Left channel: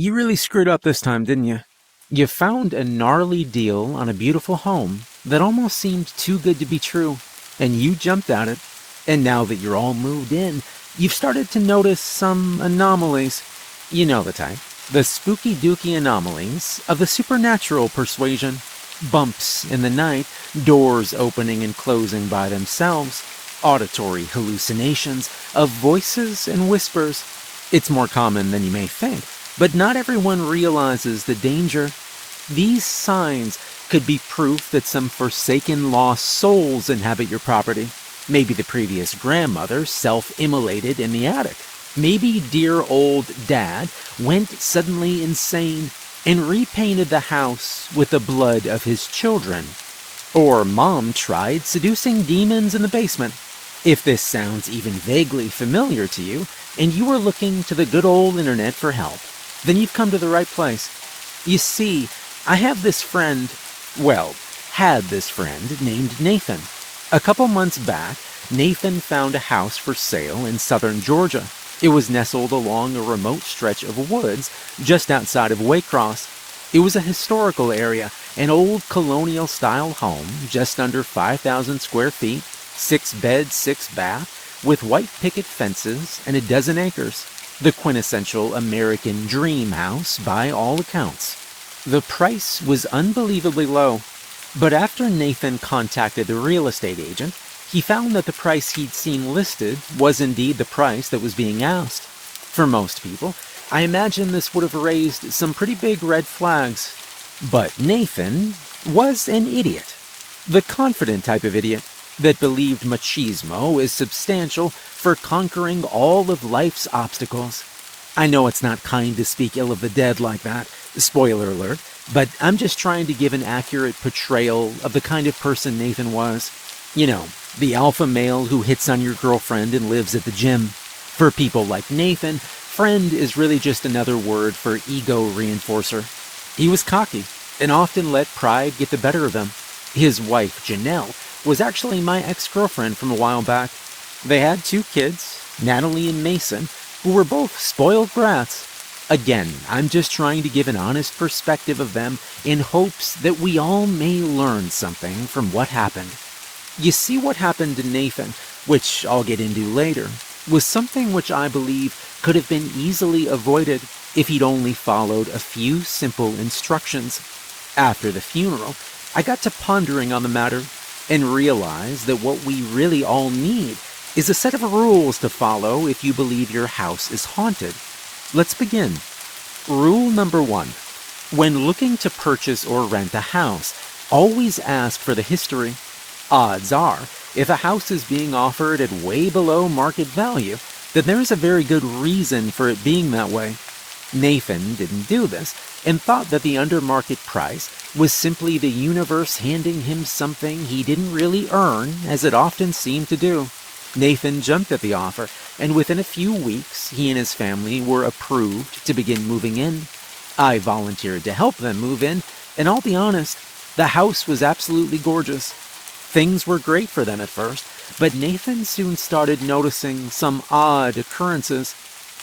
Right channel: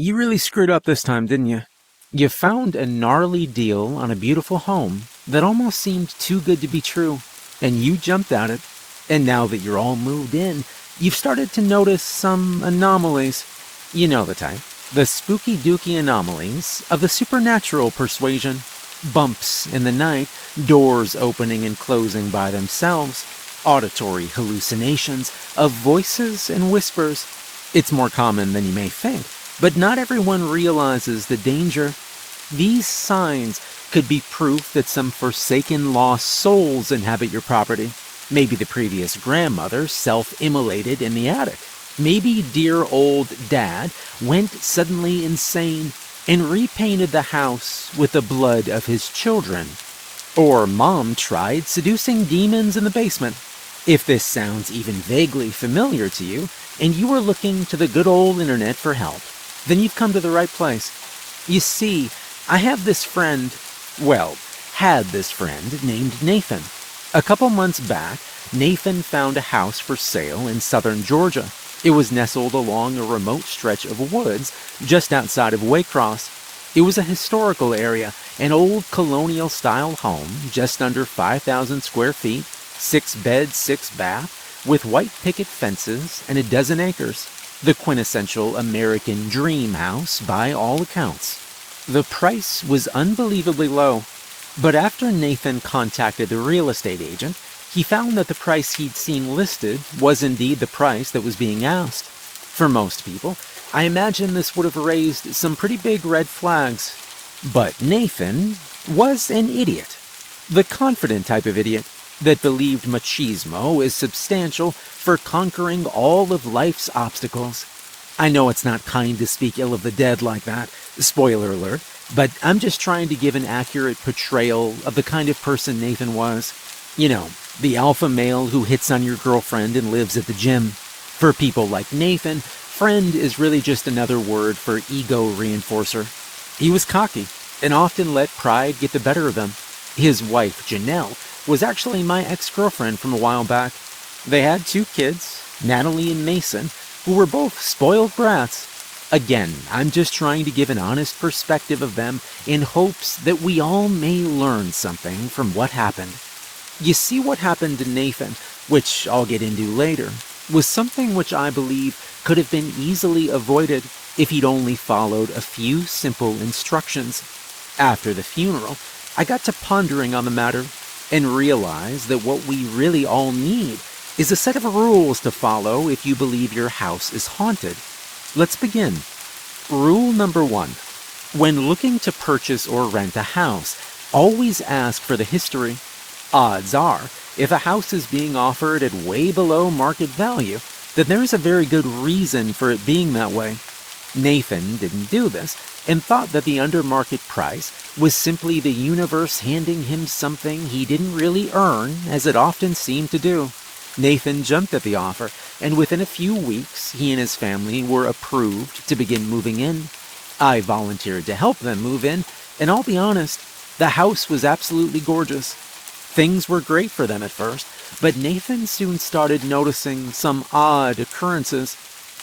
You really screwed up this time, didn't you? You found a gnarly deal on a beautiful home that almost seemed too good to be true, and you jumped at it. And now that you're all moved in, you've started to notice some anomalies. You know the type. The spooky dooky anomalies of the supernatural persuasion. Bumps in the night, doors opening and closing by themselves, auditory hallucinations of voices and whispers. It's more common than you may think, but not everyone realizes the danger. These signs could be proof that some forsaken lost souls inhabit your property. Maybe the previous grandmother self-immolated in the attic. Maybe dear old dad went suddenly insane and repainted the house with the blood of his children. Or mom tried seducing demons in the basement. If this sounds even vaguely familiar to you, and you are looking to the good old internet for help, then you've come to the right place. You see, I have this friend, had this friend named Nathan. A couple months back, Nathan found a house for sale in southern Georgia. It was nestled along a remote stretch of woods just outside of Waycross. It was a historical area, an old colonial-style home just under 5,000 square feet, 6 beds, 6 bath, with white picket fences and a dozen acres. The quintessential American dream house by all accounts. The price was unbelievably low, but after Nathan contacted the real estate agent, he found that the price he'd seen listed was indeed the price that was being asked. For most people, I imagine this would have raised some pretty big red flags. But Nathan was an idiot. The confident type of idiot that believed machismo is substantial for conquering all of life's obstacles. I know it's not kind to speak ill of the dead like that, spoiler alert, but I'm just trying to give an accurate portrayal of the kind of person Nathan was. You know, the alpha male who hits on your girlfriend and lives at the gym. For people like Nathan, friend is really just another word for ego reinforcer. He was cocky and often let pride get the better of him. His wife, Janelle, was actually my ex-girlfriend from a while back. They had 2 kids, Natalie and Mason, who were both spoiled brats. Again, I'm just trying to give an honest perspective of them in hopes that we all may learn something from what happened. You see, what happened to Nathan, which I'll get into later, was something which I believe could have been easily avoided if he'd only followed a few simple instructions. After the funeral, I got to pondering on the matter and realized that what we really all need is a set of rules to follow if you believe your house is haunted. Let's begin. Rule number 1. When looking to purchase or rent a house, always ask for the history. Odds are, if a house is being offered at way below market value, then there's a very good reason for it being that way. Nathan didn't do this, and thought that the under-market price was simply the universe handing him something he didn't really earn, as it often seemed to do. Nathan jumped at the offer, and within a few weeks, he and his family were approved to begin moving in. I volunteered to help them move in, and I'll be honest, the house was absolutely gorgeous. Things were great for them at first, but Nathan soon started noticing some odd occurrences.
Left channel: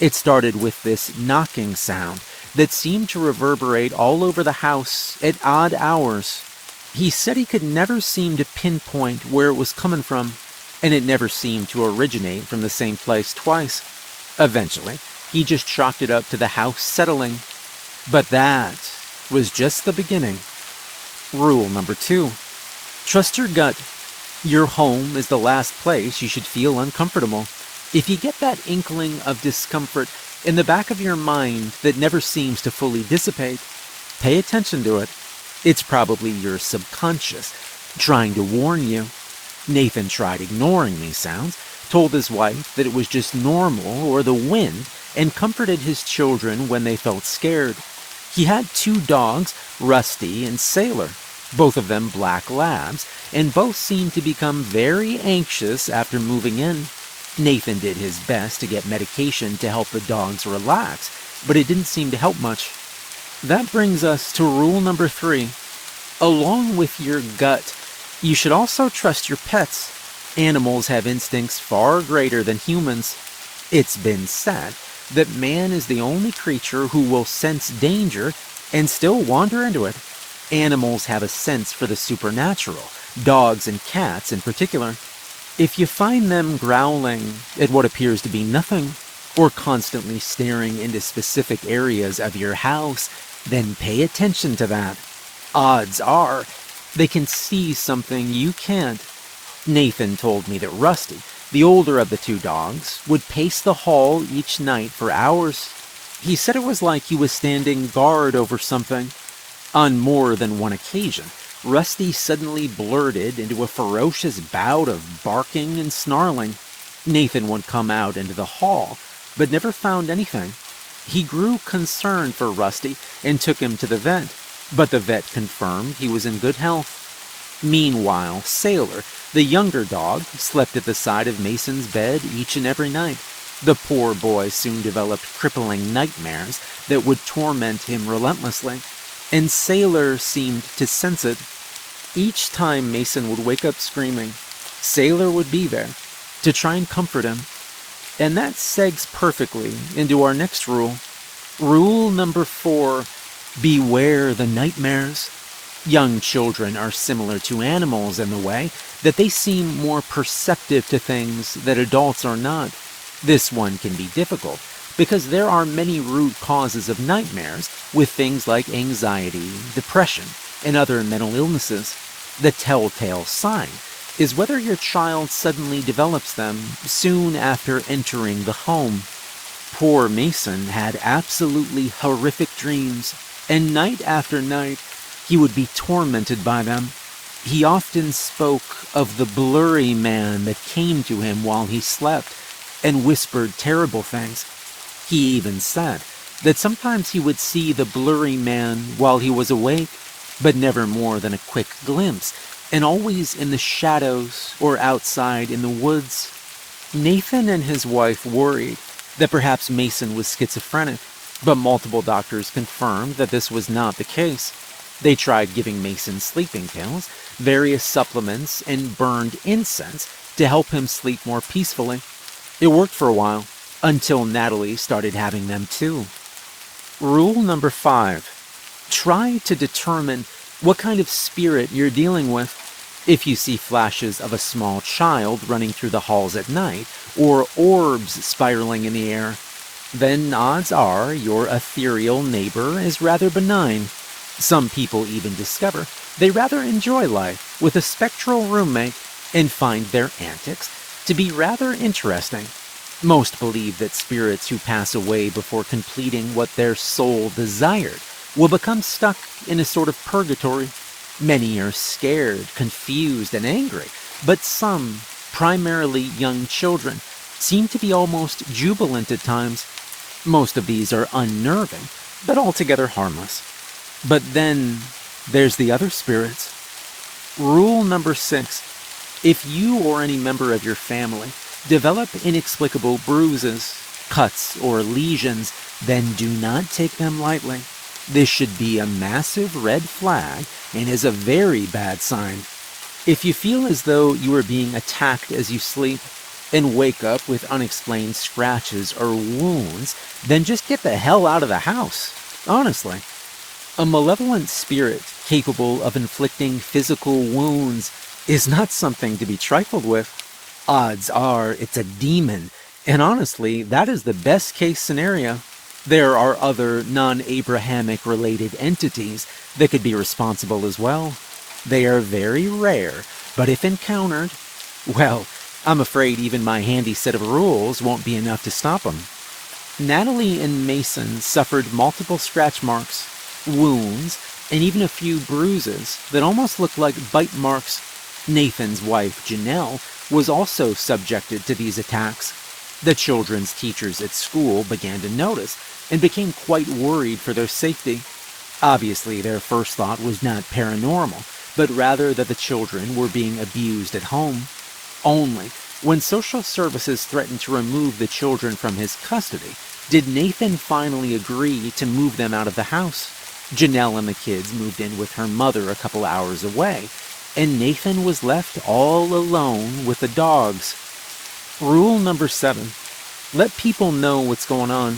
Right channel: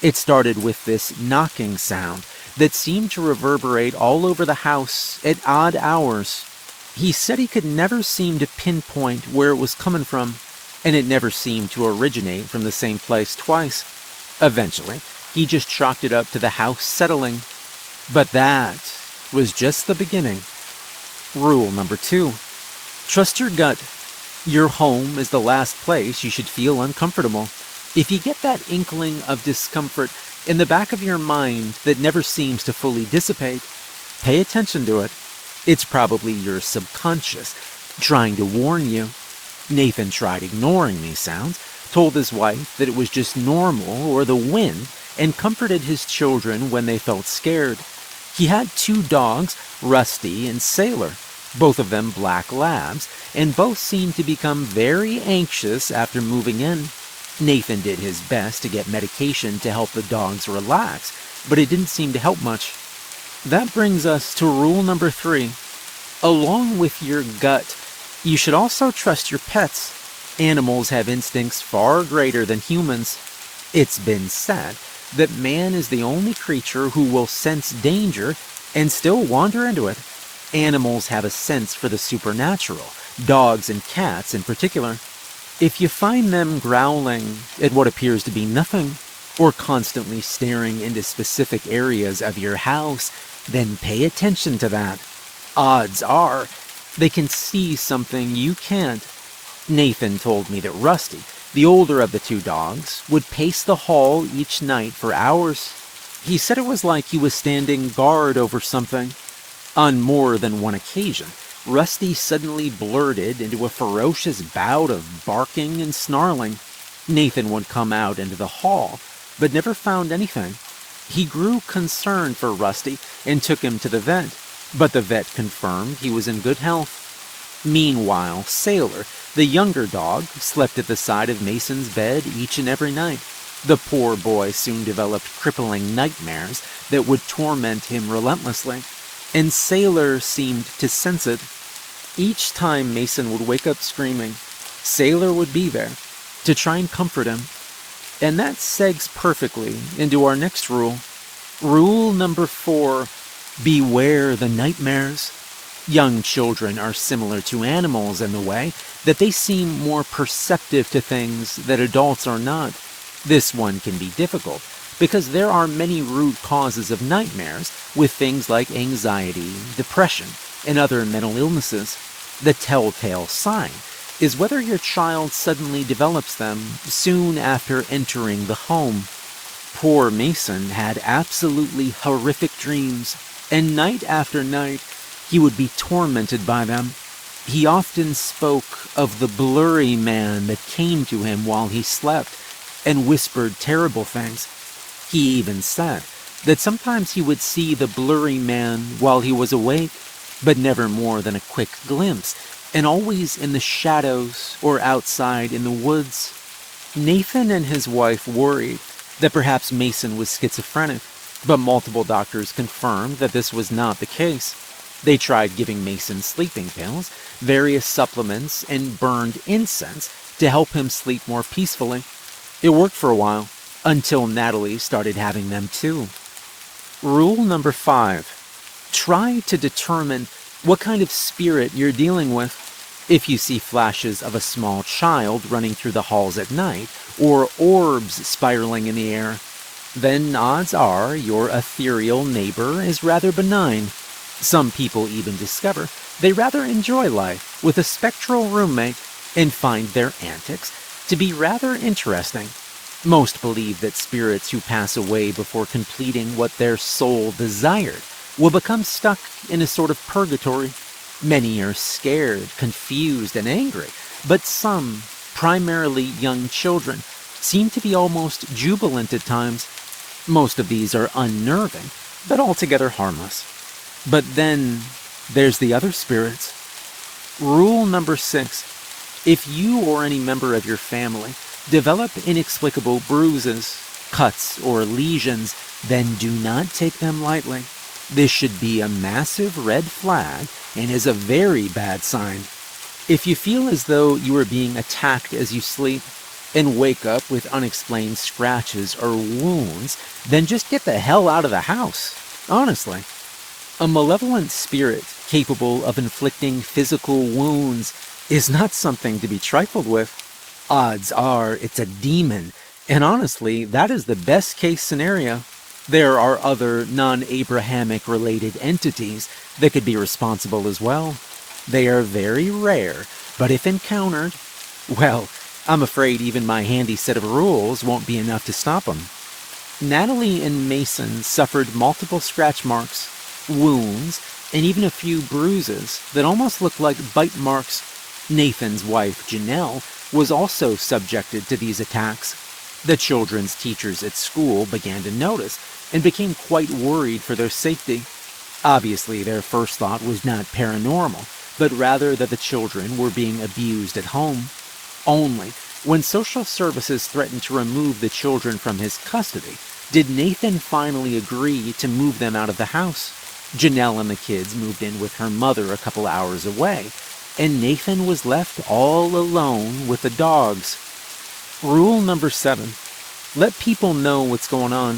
It started with this knocking sound that seemed to reverberate all over the house at odd hours. He said he could never seem to pinpoint where it was coming from, and it never seemed to originate from the same place twice. Eventually, he just chalked it up to the house settling. But that was just the beginning. Rule number 2. Trust your gut. Your home is the last place you should feel uncomfortable. If you get that inkling of discomfort in the back of your mind that never seems to fully dissipate, pay attention to it. It's probably your subconscious trying to warn you. Nathan tried ignoring these sounds, told his wife that it was just normal or the wind, and comforted his children when they felt scared. He had 2 dogs, Rusty and Sailor, both of them black labs, and both seemed to become very anxious after moving in. Nathan did his best to get medication to help the dogs relax, but it didn't seem to help much. That brings us to rule number 3. Along with your gut, you should also trust your pets. Animals have instincts far greater than humans. It's been said that man is the only creature who will sense danger and still wander into it. Animals have a sense for the supernatural, dogs and cats in particular. If you find them growling at what appears to be nothing, or constantly staring into specific areas of your house, then pay attention to that. Odds are, they can see something you can't. Nathan told me that Rusty, the older of the two dogs, would pace the hall each night for hours. He said it was like he was standing guard over something. On more than one occasion, Rusty suddenly blurted into a ferocious bout of barking and snarling. Nathan would come out into the hall, but never found anything. He grew concerned for Rusty and took him to the vet, but the vet confirmed he was in good health. Meanwhile, Sailor, the younger dog, slept at the side of Mason's bed each and every night. The poor boy soon developed crippling nightmares that would torment him relentlessly, and Sailor seemed to sense it. Each time Mason would wake up screaming, Sailor would be there to try and comfort him. And that segs perfectly into our next rule. Rule number 4, beware the nightmares. Young children are similar to animals in the way that they seem more perceptive to things that adults are not. This one can be difficult because there are many root causes of nightmares with things like anxiety, depression, and other mental illnesses. The telltale sign is whether your child suddenly develops them soon after entering the home. Poor Mason had absolutely horrific dreams, and night after night he would be tormented by them. He often spoke of the blurry man that came to him while he slept and whispered terrible things. He even said that sometimes he would see the blurry man while he was awake, but never more than a quick glimpse, and always in the shadows or outside in the woods. Nathan and his wife worried that perhaps Mason was schizophrenic, but multiple doctors confirmed that this was not the case. They tried giving Mason sleeping pills, various supplements, and burned incense to help him sleep more peacefully. It worked for a while, until Natalie started having them too. Rule number 5. Try to determine what kind of spirit you're dealing with. If you see flashes of a small child running through the halls at night, or orbs spiraling in the air, then odds are your ethereal neighbor is rather benign. Some people even discover they rather enjoy life with a spectral roommate and find their antics to be rather interesting. Most believe that spirits who pass away before completing what their soul desired will become stuck in a sort of purgatory. Many are scared, confused, and angry, but some, primarily young children, seem to be almost jubilant at times. Most of these are unnerving, but altogether harmless. But then there's the other spirits. Rule number 6. If you or any member of your family develop inexplicable bruises, cuts, or lesions, then do not take them lightly. This should be a massive red flag and is a very bad sign. If you feel as though you are being attacked as you sleep and wake up with unexplained scratches or wounds, then just get the hell out of the house. Honestly. A malevolent spirit capable of inflicting physical wounds is not something to be trifled with. Odds are it's a demon, and honestly, that is the best case scenario. There are other non-Abrahamic related entities that could be responsible as well. They are very rare, but if encountered, well, I'm afraid even my handy set of rules won't be enough to stop them. Natalie and Mason suffered multiple scratch marks, wounds, and even a few bruises that almost looked like bite marks. Nathan's wife, Janelle, was also subjected to these attacks. The children's teachers at school began to notice and became quite worried for their safety. Obviously, their first thought was not paranormal, but rather that the children were being abused at home. Only when social services threatened to remove the children from his custody did Nathan finally agree to move them out of the house. Janelle and the kids moved in with her mother a couple hours away, and Nathan was left all alone with the dogs. Rule number 7. Let people know what's going on.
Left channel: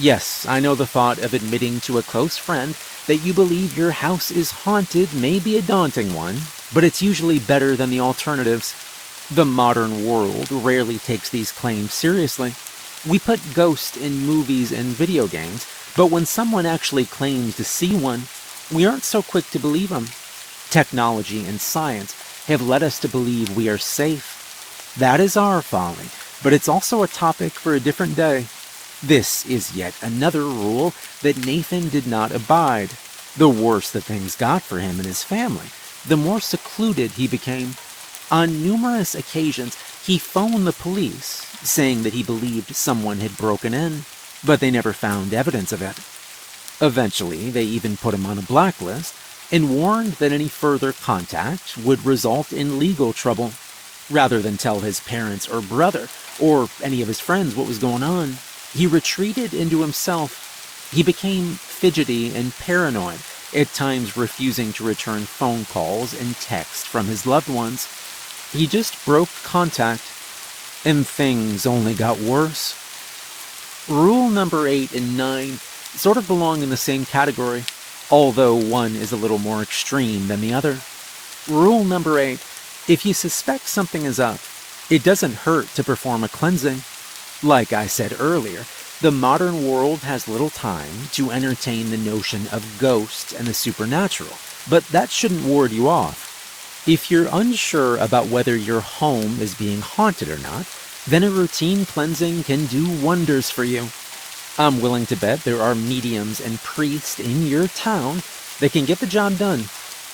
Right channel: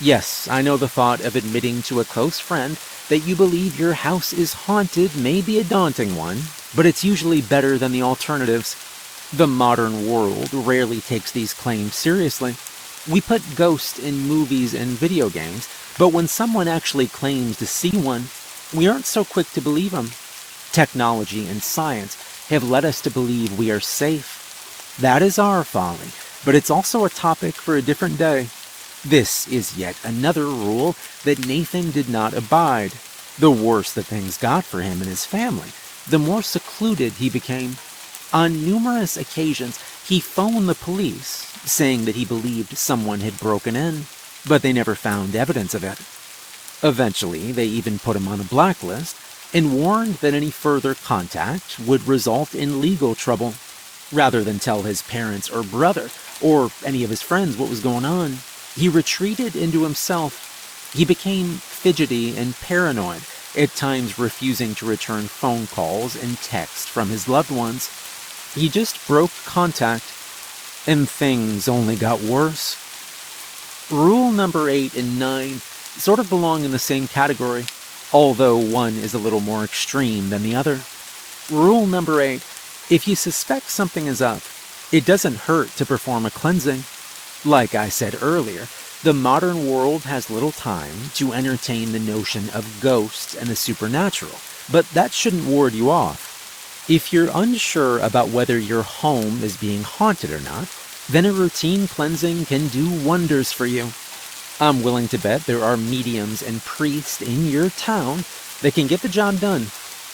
Yes, I know the thought of admitting to a close friend that you believe your house is haunted may be a daunting one, but it's usually better than the alternatives. The modern world rarely takes these claims seriously. We put ghosts in movies and video games, but when someone actually claims to see one, we aren't so quick to believe them. Technology and science have led us to believe we are safe. That is our folly, but it's also a topic for a different day. This is yet another rule that Nathan did not abide. The worse that things got for him and his family, the more secluded he became. On numerous occasions, he phoned the police, saying that he believed someone had broken in, but they never found evidence of it. Eventually, they even put him on a blacklist and warned that any further contact would result in legal trouble. Rather than tell his parents or brother or any of his friends what was going on, he retreated into himself. He became fidgety and paranoid, at times refusing to return phone calls and texts from his loved ones. He just broke contact, and things only got worse. Rule number 8 and 9 sort of belong in the same category, although one is a little more extreme than the other. Rule number 8: if you suspect something is up, it doesn't hurt to perform a cleansing. Like I said earlier, the modern world has little time to entertain the notion of ghosts and the supernatural, but that shouldn't ward you off. If you're unsure about whether your home is being haunted or not, then a routine cleansing can do wonders for you. I'm willing to bet there are mediums and priests in your town that can get the job done.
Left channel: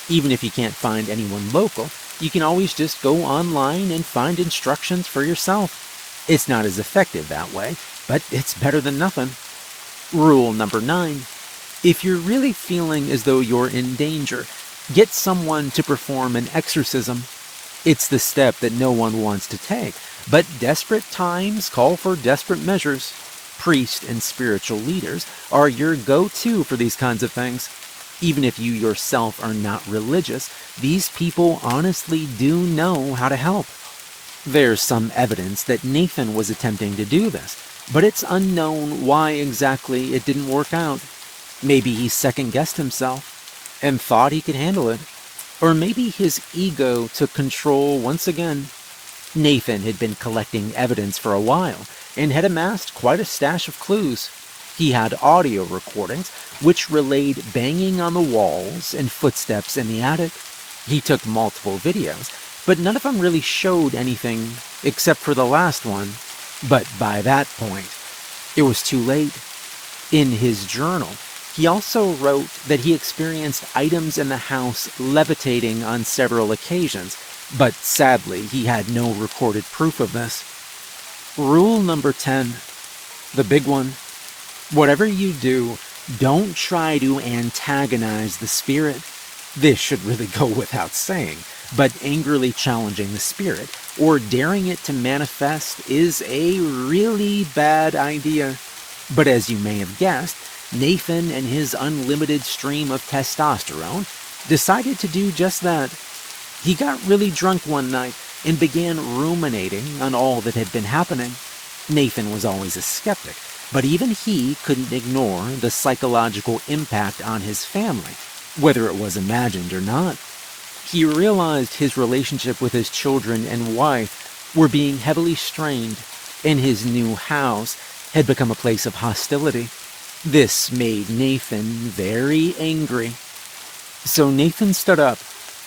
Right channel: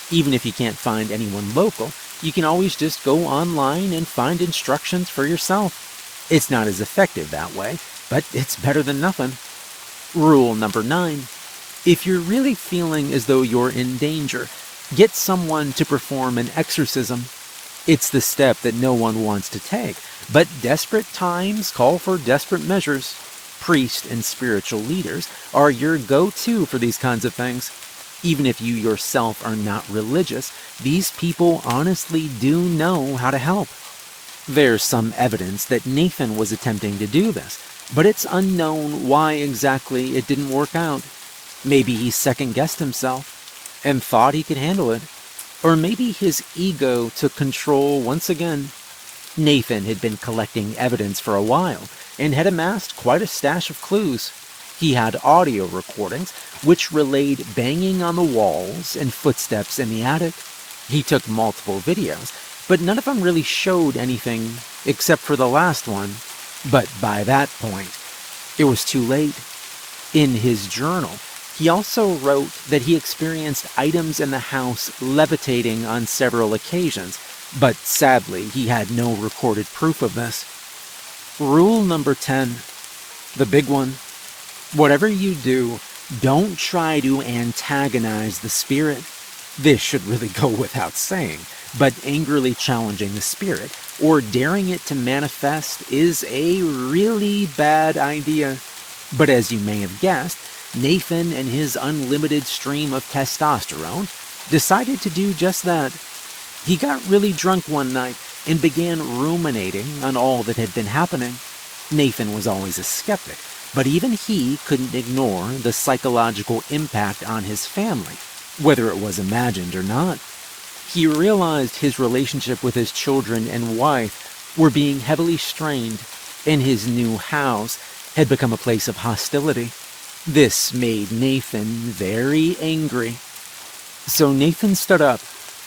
Even if you can't find anyone local, you can always just go online and find instructions for yourself. It's not as effective that way, but it's better than nothing. Rule number 9. If you're really feeling as though you're in danger, get someone to perform an exorcism. It's the step that no one wants to take, but desperate times call for desperate measures. Priests and spiritual leaders are your go-to for these kinds of things. Even if you yourself are not religious, these people honestly do know how to help. There's some evidence that Nathan was attempting to do this, but it's unknown why exactly it didn't work out. Maybe he second-guessed himself and thought he could handle it. Or maybe his ego took control once again. Nathan had been collecting evidence for a while and had amassed quite a stash of clues. He had audio recordings which relayed banging on the walls and footsteps in the attic. He took multiple videos, but none of them really showed anything except for the last one. But by that point, it was too late. In his journal, he also wrote that he experienced items in the house levitating on several occasions, but sadly he had no recorded proof of this. Rule number 10, the big one. Whatever you do, don't try to antagonize the spirit. This should really go without saying, but angrily challenging the spirit or daring it to manifest is a really bad idea. But as you may have guessed, Nathan and his unlimited stream of testosterone decided to do just that. He got really drunk one night and began ruminating on all that had been happening. Nathan was always a skeptic, but even he couldn't ignore the psychological impact on his family, whether it was imagined or not. He realized his relationship with his children and wife were being heavily strained, and his new house had become a place of hostility. This made Nathan very angry. So Nathan stood up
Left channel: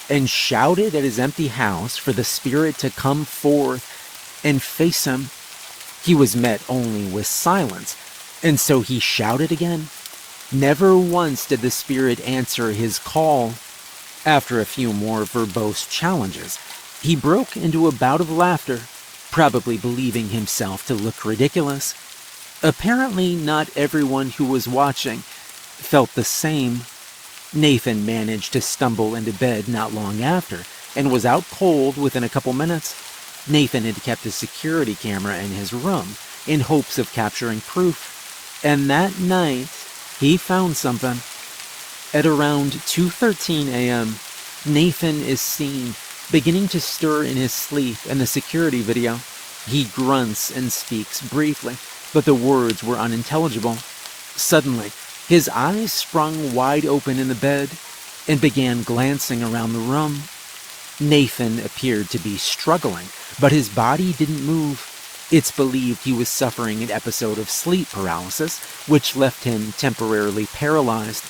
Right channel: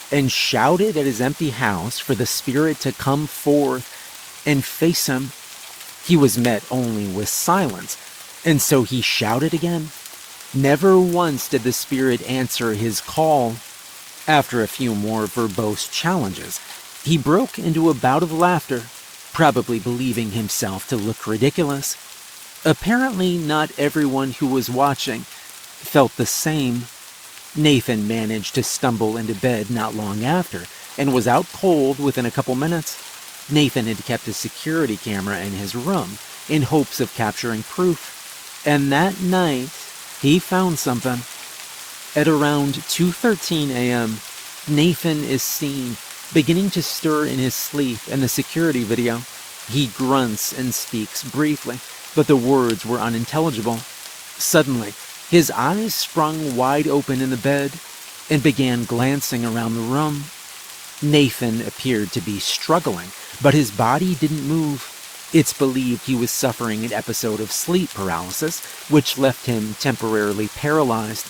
and shouted at his empty house for the spirit to come forth and face him. He was met only with silence, and so he shouted again. Never once did the spirit answer his call. After a few more verbose challenges, he broke into a bout of laughter, probably believing himself to look ridiculous. Apparently, not everyone who was watching felt the same. Nathan managed to stumble into bed not long after, and was out cold within a couple minutes. Nathan had kept a security camera in his room in hopes of capturing proof, and that night he found something. At around 2:13 a.m., Nathan is seen beginning to stir in his sleep in the security video. He grunts and speaks briefly, but the words were unintelligible. Suddenly, his eyes sprung wide open in the bed and began glancing around the room. Nathan appeared to be struggling, but his body didn't move. It's believed he was suffering an episode of sleep paralysis, which left him temporarily paralyzed.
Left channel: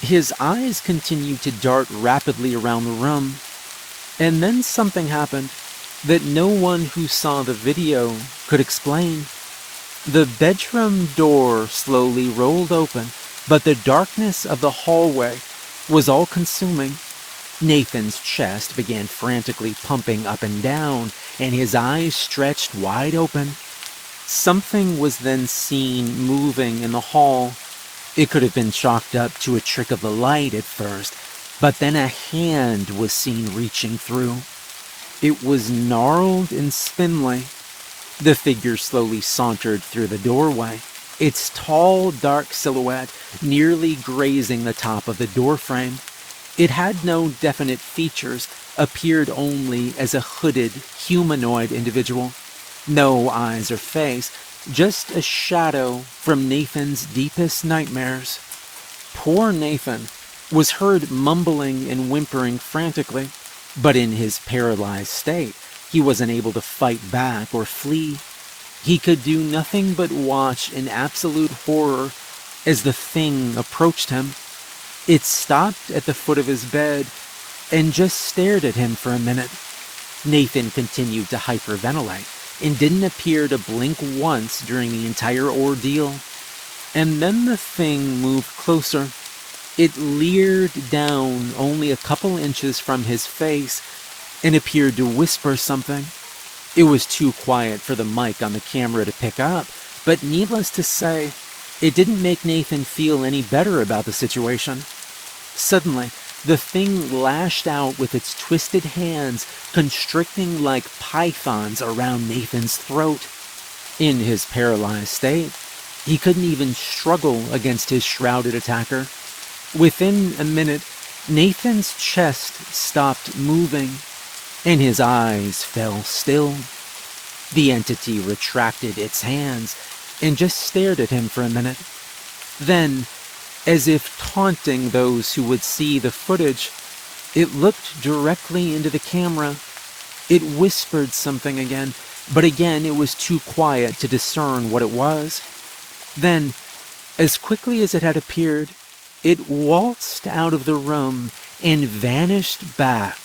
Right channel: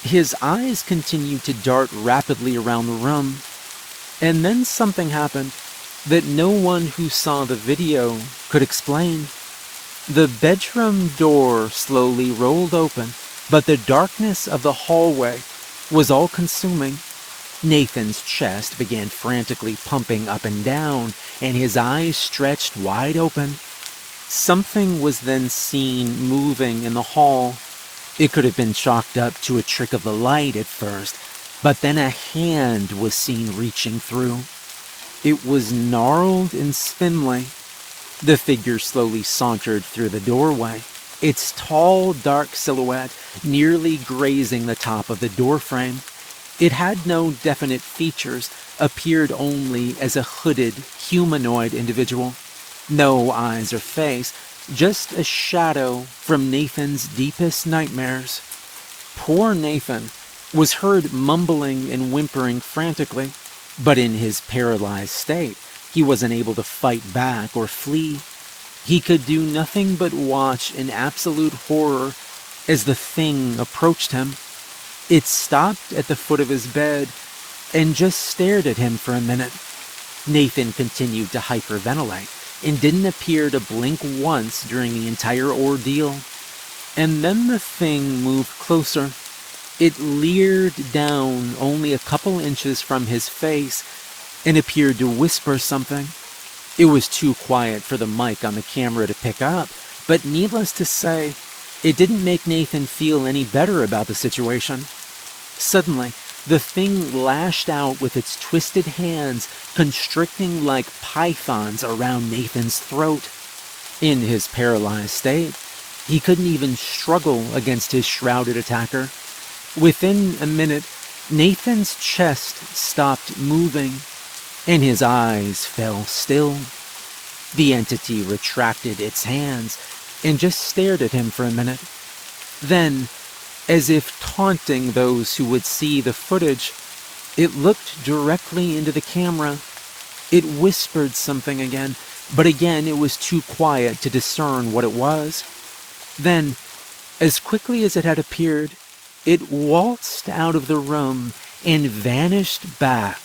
His eyes continued to dart rapidly around the room, and then something happened that no one who saw the video could explain. The bedroom door slowly rolled open, but the darkness of the hallway was all-consuming. Nathan's chest began frantically pumping up and down, and his eyes stretched wide open. Something was then seen moving in the hall. It could have been chalked up to a trick of the light at first, but then a hand was seen reaching through. It was gnarled and spindly. The figure slowly sauntered through the doorway, its tall, dark silhouette nearly grazing the top of the doorframe. It had no definite features, appeared only as a hooded, humanoid individual. No eyes or face, just a shadow from Nathan's deepest nightmares. Poor Nathan was heard mumbling and whimpering frantically, but in his paralyzed state, he wasn't able to fight back or flee. He could do nothing but watch in absolute horror as the thing approached him. It stopped at the foot of his bed and just stared at him for a minute. Nathan continued to hyperventilate and didn't appear to blink once during the entire ordeal. And then the thing moved closer. It leered down only a couple inches from his face and appeared to whisper something. It was too quiet for the mic on the camera to pick up, but needless to say, it didn't make Nathan feel any better about the situation. Suddenly, the thing lashed out with its twisted hands, constricting like pythons around Nathan's throat. In his paralyzed state, he couldn't even struggle against his shrouded attacker. Within a minute, Nathan's chest stopped moving, and his eyes fell still. The entity retracted its hands and just stared at him for a minute. Then, as if taunting those who would see the footage, it looked directly into the camera. It whispered something again, but again it was too quiet to discern what it was. Then, as quickly as it had appeared, it waltzed out of the room and vanished back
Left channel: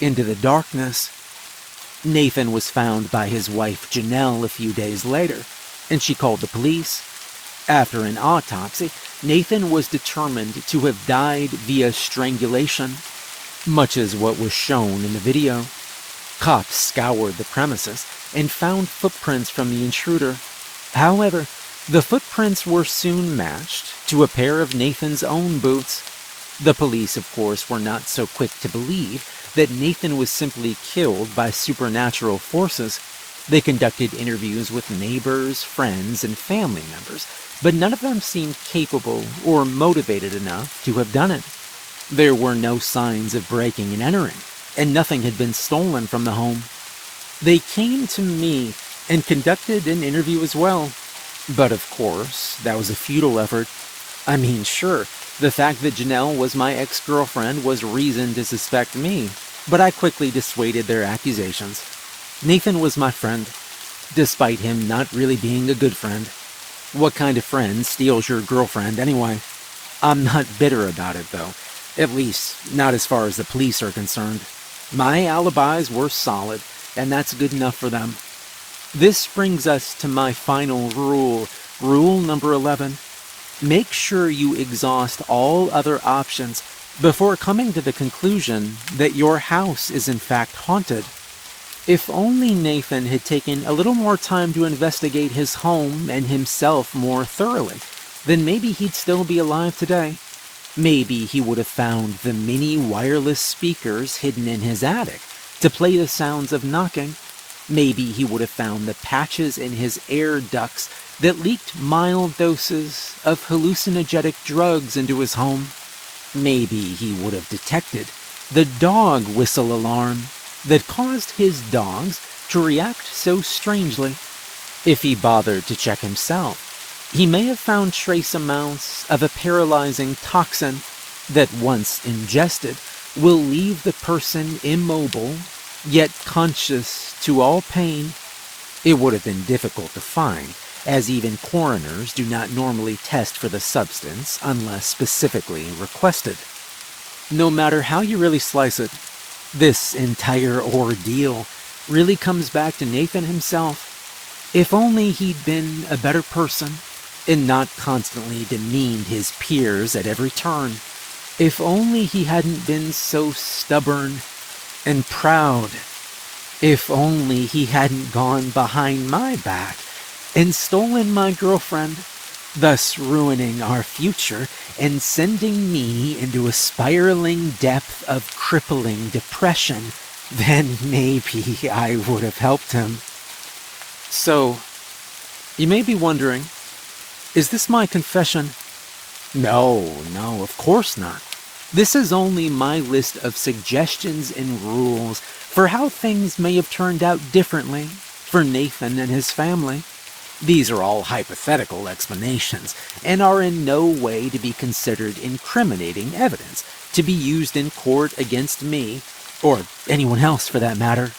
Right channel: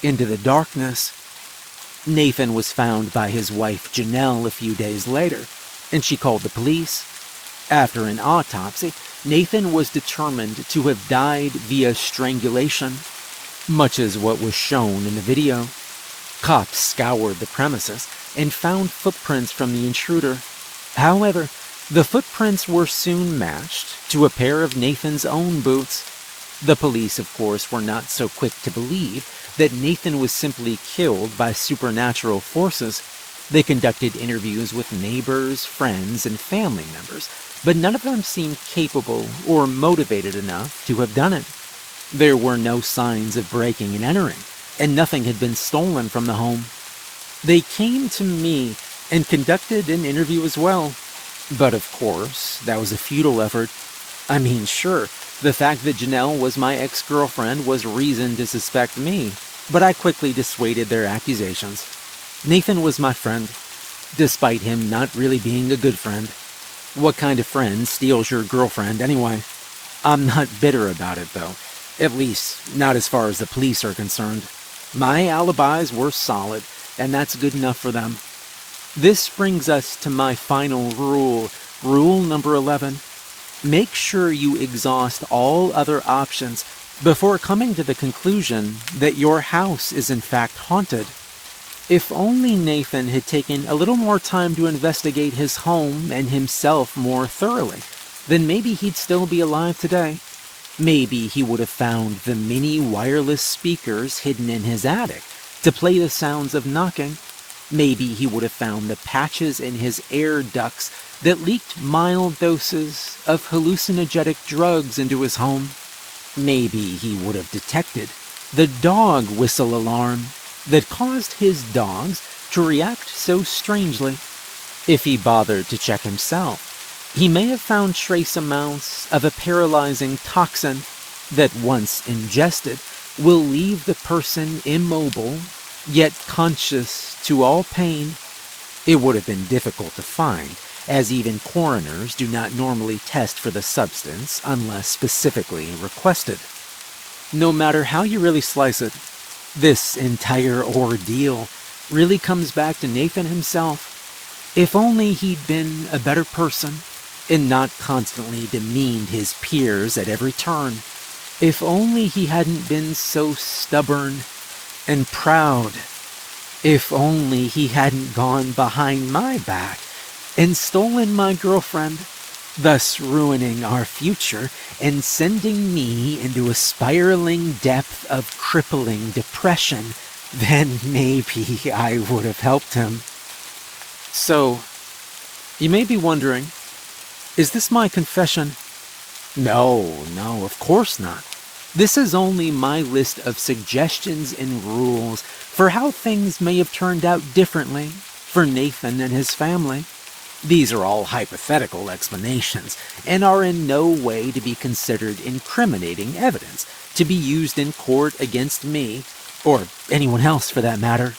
into the darkness. Nathan was found by his wife Janelle a few days later, and she called the police. After an autopsy, Nathan was determined to have died via strangulation, much as what was shown in the video. Cops scoured the premises and found footprints from the intruder. However, the footprints were soon matched to a pair of Nathan's own boots. The police, of course, were not so quick to believe that Nathan was simply killed by supernatural forces. They conducted interviews with neighbors, friends, and family members, but none of them seemed capable or motivated enough to have done it. There were no signs of breaking and entering, and nothing had been stolen from the home. They came to me and conducted an interview as well. But of course, that was a futile effort. I mean, sure, the fact that Janelle was my ex-girlfriend was reason to suspect me, but I quickly dissuaded their accusations. Nathan was my friend, despite him not really being a good friend. What kind of friend steals your girlfriend anyway? I'm not bitter about it, though. At least, not as far as the police are concerned. My alibis were solid, and that's good enough for them. This brings us to my final rule, rule number 11. Make sure you exhaust all other options before coming to the conclusion that your house is in fact haunted. If only Nathan had taken a little more time to investigate his home and himself more thoroughly, then maybe he'd still be alive today. Maybe he would have found the mini wireless speakers hidden in his attic to play the sounds of knocking. Maybe he would have found the patches in his air ducts that leaked mild doses of hallucinogenic drugs into his home. Maybe he would have detected the dog whistle alarm that caused his dogs to react so strangely. If he bothered to check himself, he may have found trace amounts of a paralyzing toxin that, once ingested, will leave the person immobile, yet conscious to all pain. It would have been difficult to find, as even coroners do not normally test for the substance unless specifically requested. No matter how you really slice it, this entire ordeal really comes back to Nathan himself. If only he'd been a better person and not constantly demeaned his peers at every turn. If only he hadn't been so stubborn and proud. If only he hadn't gone behind my back and stolen my girlfriend, thus ruining our future and sending me into a spiraling depth of crippling depression, then maybe I would have helped him. So, you may be wondering, is this my confession? No, of course not. This is only my list of suggestions and rules for how things may have turned out differently for Nathan and his family. These are all hypothetical explanations and are in no way to be considered incriminating evidence to be used in court against me, or anyone else for that matter.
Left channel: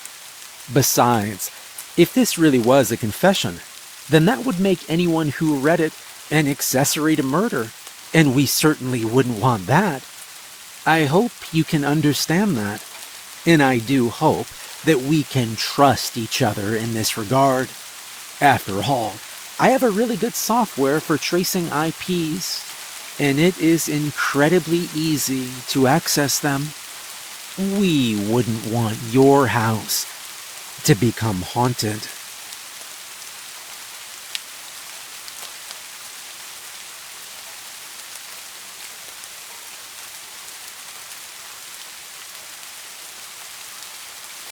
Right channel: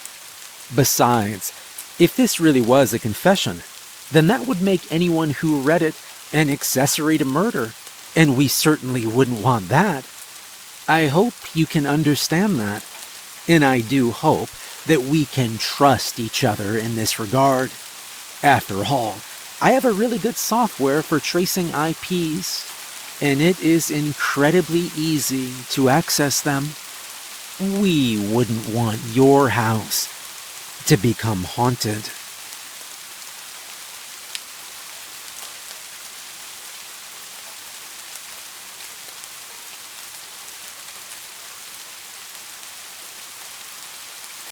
Besides, if this really was a confession, then that would make anyone who read it an accessory to murder, and we certainly wouldn't want that. I hope you can understand that, and I do hope that we can trust each other in this regard. After all, I have a really good software for tracing IPs, and it is incredibly easy to access them. We wouldn't want your house to become haunted.